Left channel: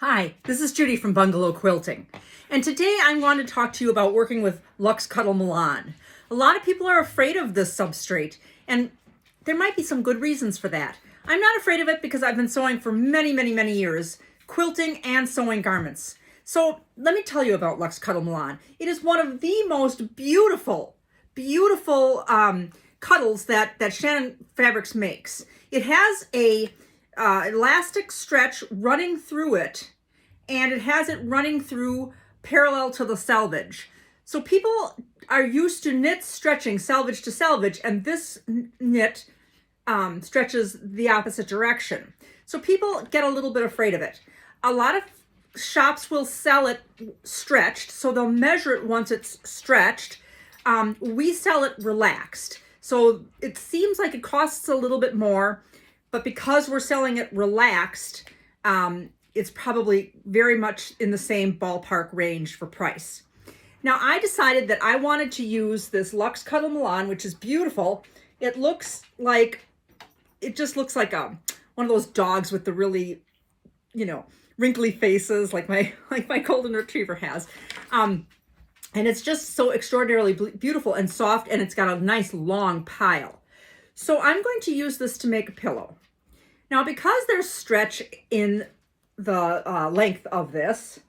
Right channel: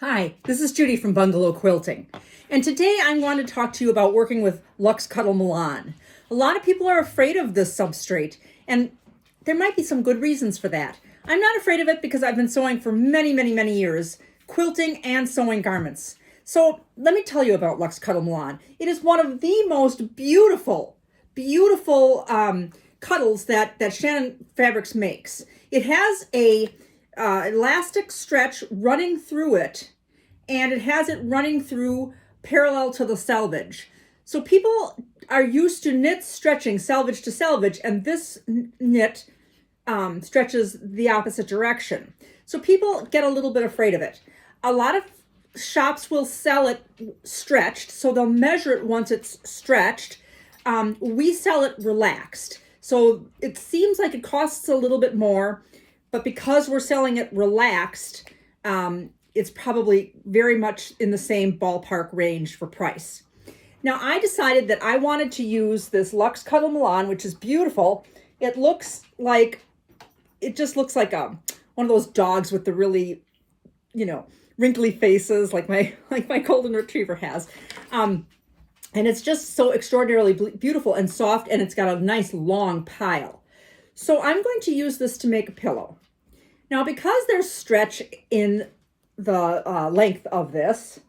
Hi, this is Judy from Bungalow Quilting, and today I'm going to talk to you about working with Luxe Cuddle Milan. A lot of people are afraid of this substrate, and there might be some good reasons for that. I'm not afraid of it because I've been sewing for many years, quilting and sewing garments. So let me tell you about Luxe Cuddle Milan. It is one of the most beautiful cuddles that Shannon Fabrics makes. It has a elastic stretch running through it, and it has it running through parallel to the selvage. So people are used to knits stretching selvage to selvage, and this knit stretches the opposite direction. So people get a little bit afraid of it. A lot of shops will sell it stretched, so they'll measure it once it's stretched. We sell it relaxed. So it seems like it costs a little bit more, but because we're selling it relaxed, it's probably very much in the same ballpark range for price. Now, I decided that I wanted to use this Luxe Cuddle Milan, which is beautiful. It just looks like one of those dogs with the really, wrinkly faces like my golden retriever has. And it's just so extraordinarily beautiful and soft, and it's got a nice long pile. So I'm going to use this to make a pillow. Now, because there's stretch in the length of this,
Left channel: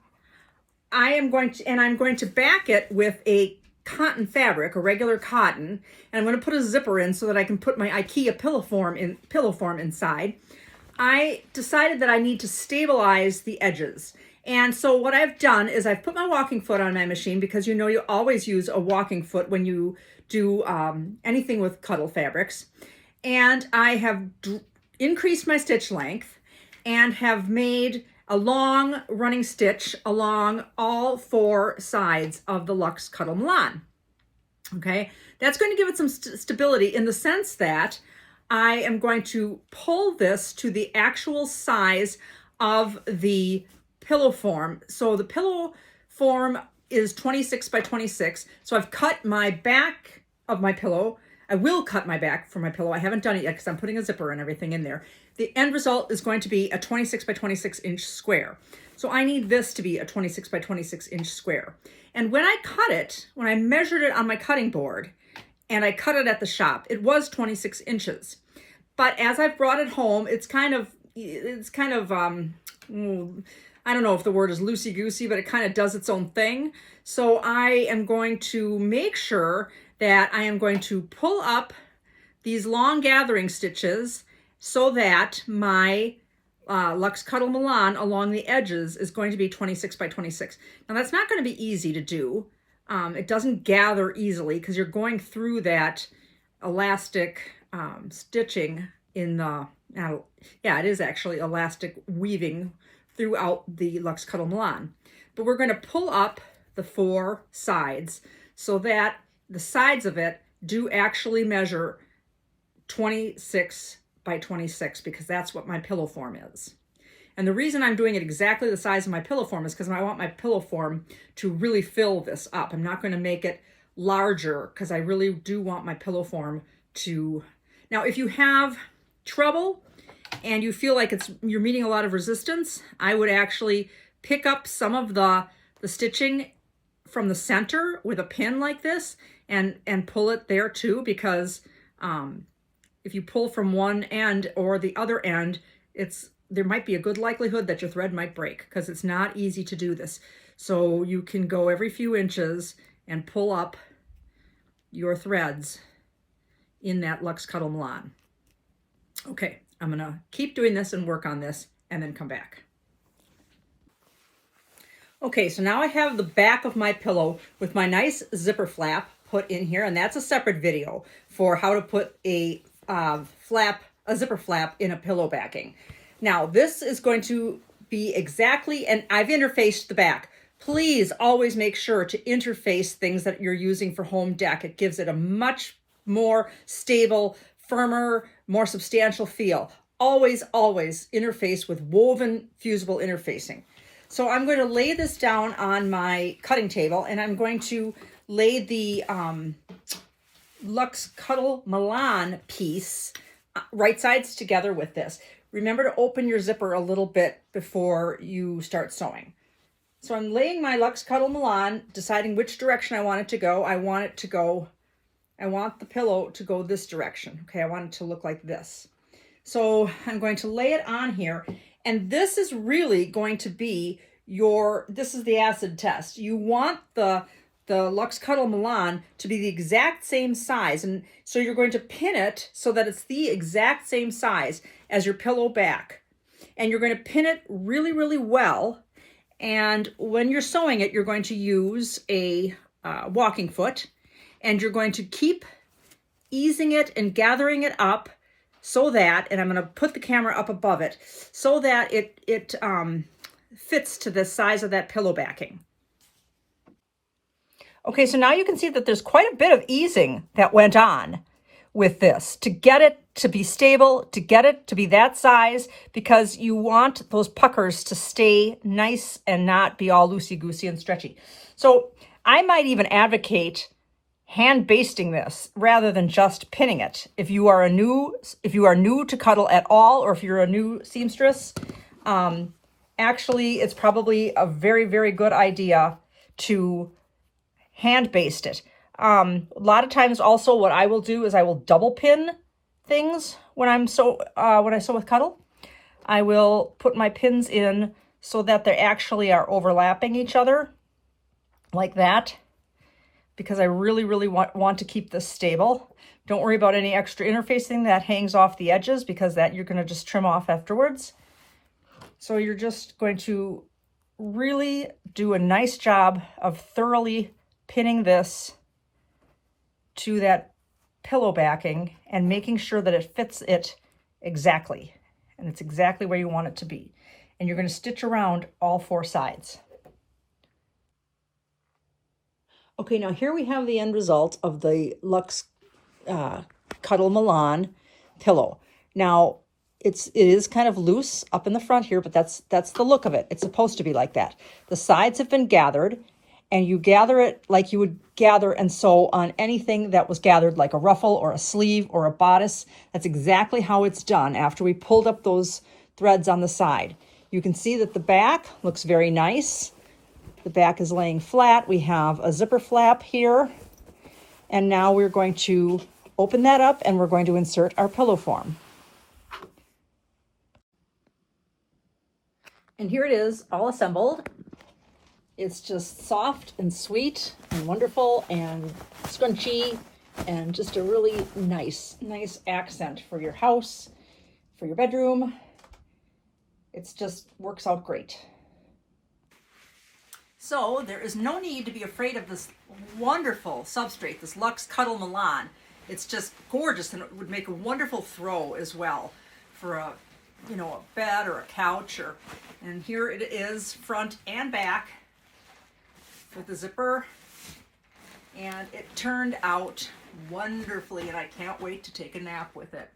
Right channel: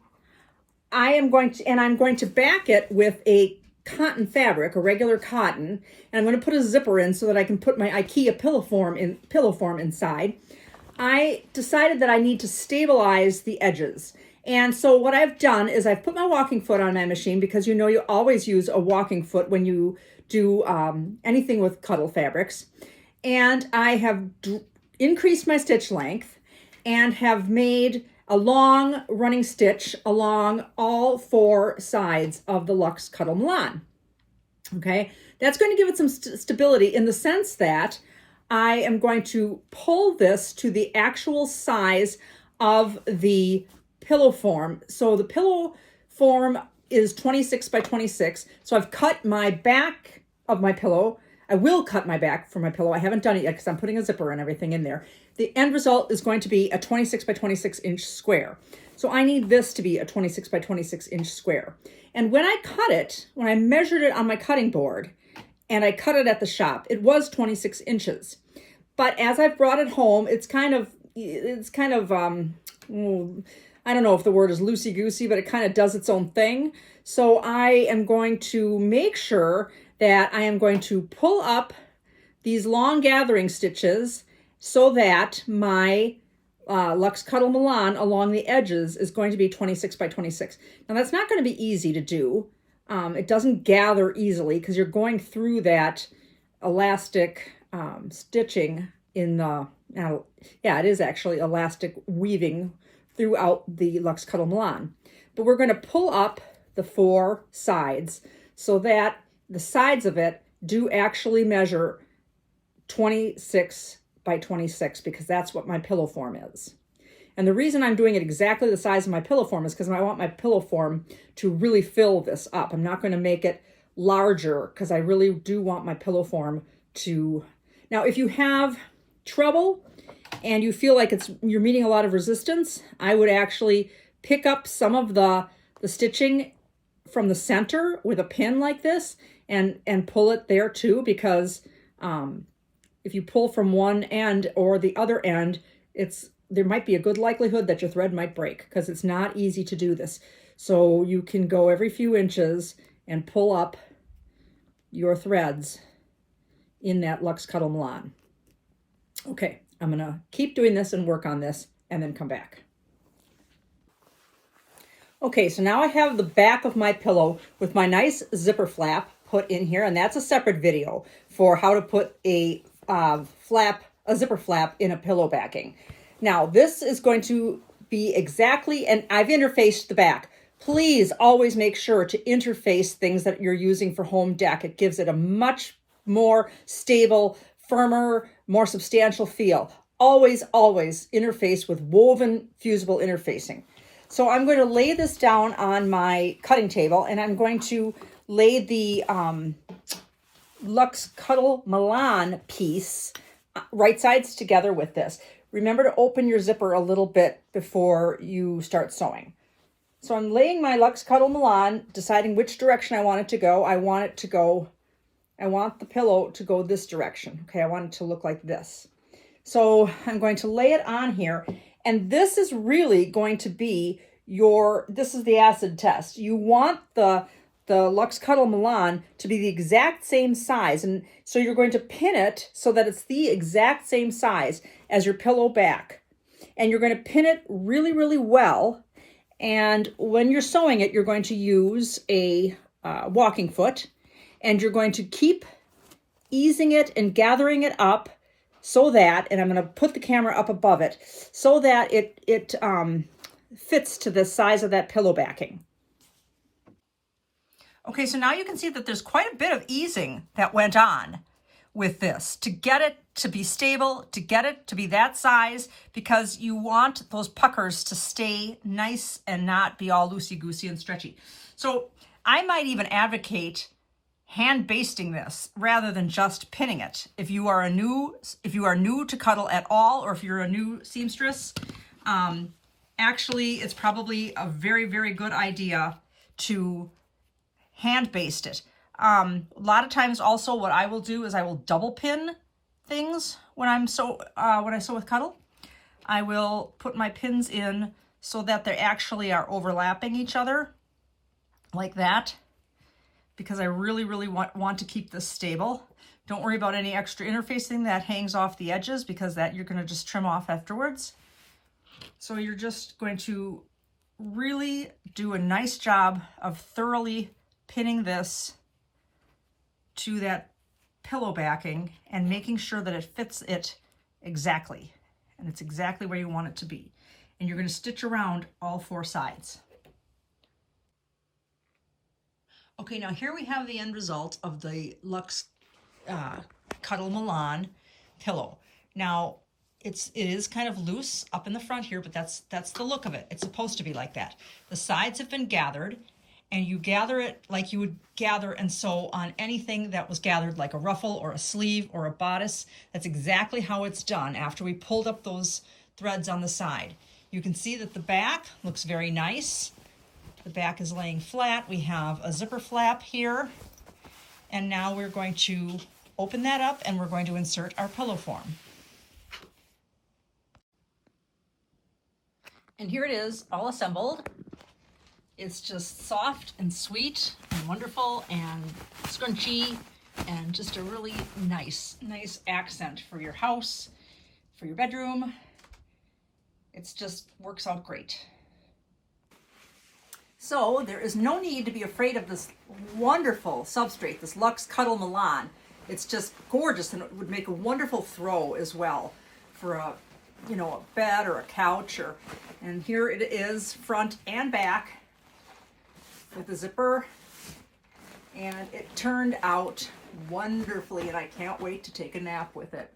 I'm going to back it with a cotton fabric, a regular cotton, and I'm going to put a zipper in so that I can put my IKEA pillow form inside. I decided that I need to stabilize the edges. And so what I've done is I've put my walking foot on my machine, because you always use a walking foot when you do anything with Cuddle fabrics. And I have increased my stitch length and have made a long running stitch along all four sides of the Luxe Cuddle Milan. Okay, that's going to give it some stability in the sense that I am going to pull this to the actual size of the pillow form. So the pillow form is 26 by 26. So I've cut my back of my pillow. I will cut my back for my pillow. I haven't done it yet because I'm putting a zipper and everything in there. The end result is going to be a 26 by 26 inch square. So I need this to be a 26 by 26 inch square. And when I cut it, when I measured it on my cutting board and I cut it at the shop, it was 26 inches. But as I've brought it home, it's kind of I don't know if the word is loosey-goosey, but it kind of does its own thing. So I am going to make sure that I am going to pull up these long gathering stitches so that my Luxe Cuddle Milan along the edges is going to be 26 by 26. Now that's not going to be easy to do. It doesn't gather easily because you're going through that elastic stitching in the, it is actually elastic weaving throughout the Luxe Cuddle Milan. But we're going to pull up the four sides so that the sides of it do actually measure 26 by 26, because that's what my pillow form is. And the reason I'm doing it exactly the size of my pillow form is because I want my pillow form to really fill this up. I'm not going to make it larger because I really do want my pillow form to... Now, if you have trouble and you feel like you're meeting a lot of resistance, I would actually pick up some of the stitching from the center with a pin like this and pull it there too, because if you pull from one end or the other end, there might be a good likelihood that your thread might break, because it's not easy to do this. So you can go every few inches and pull up your threads in that Luxe Cuddle Milan. Okay, I'm gonna keep doing this and work on this and then come back. Okay, so now I have the back of my pillow with my nice zipper flap put in here, and that's a separate video for how to put a zipper flap in a pillow backing. Now, this is going to be exactly, and I've interfaced the back. Please always make sure to interface things that you're using for home deck. It gives it a much more stable, firmer, more substantial feel. Always interface with woven fusible interfacing. So I'm going to lay this down on my cutting table, and I'm going to lay the Luxe Cuddle Milan piece right sides together with this. remember to open your zipper a little bit before you start sewing. So I'm laying my Luxe Cuddle Milan, deciding which direction I want it to go. I want the pillow to go this direction. Okay, I want it to look like this. So I'm going to lay it on here, and this is really going to be this is the acid test. You want the Luxe Cuddle Milan to be the exact same size, and so you're going to pin it so that it's the exact same size as your pillow back. And you're going to pin it really, really well. And when you're sewing it, you're going to use a walking foot, and you're going to keep easing it and gathering it up so that, and I'm going to put the camera up above it, so that it fits to the size of that pillow backing. Okay, so now you can see that there's quite a bit of easing that went on with this to get it to be stable, to get it to be that size, because you want those puckers to stay nice and not be all loosey-goosey and stretchy. So I might even advocate hand basting this rather than just pinning it. If you are new to Cuddle at all, or if you're a new seamstress, actually it's probably a very, very good idea to hand baste it. A lot of times also what I will do is I will double pin things when I sew with Cuddle. I will put my pins in so that they actually are overlapping each other like that, because I really, really want to keep this stable. Don't worry about any extra interfacing that hangs off the edges, because that you're going to just trim off afterwards. So you're just going to really do a nice job of thoroughly pinning this to that pillow backing and making sure that it fits it exactly, and it's exactly where you want it to be. And you're going to stitch around all four sides. Okay, now here we have the end result of the Luxe Cuddle Milan pillow. Now it is kind of loose up in the front here, but that's the look of it. It's supposed to be like that. The sides have been gathered, and you gather it like you would gather and sew on anything that was gathered, like a ruffle or a sleeve or a bodice. That's exactly how it's done after we pulled up those threads on the side. You can see that the back looks very nice. The back is laying flat. We have a zipper flap here. And now we're going to open that up, and we're going to insert our pillow form. And here it is, all assembled. It's just soft and sweet and wonderful and scrunchy, and just a really nice accent for your house, for your bedroom. It's just works out great. So there is no need to be afraid of this wonderful substrate, this Luxe Cuddle Milan. It's just gorgeous, and it would make a wonderful throw as well for a bed or a couch. And here it is, front and back, with the zipper, and it turned out wonderfully, and I can't wait to take a nap with it.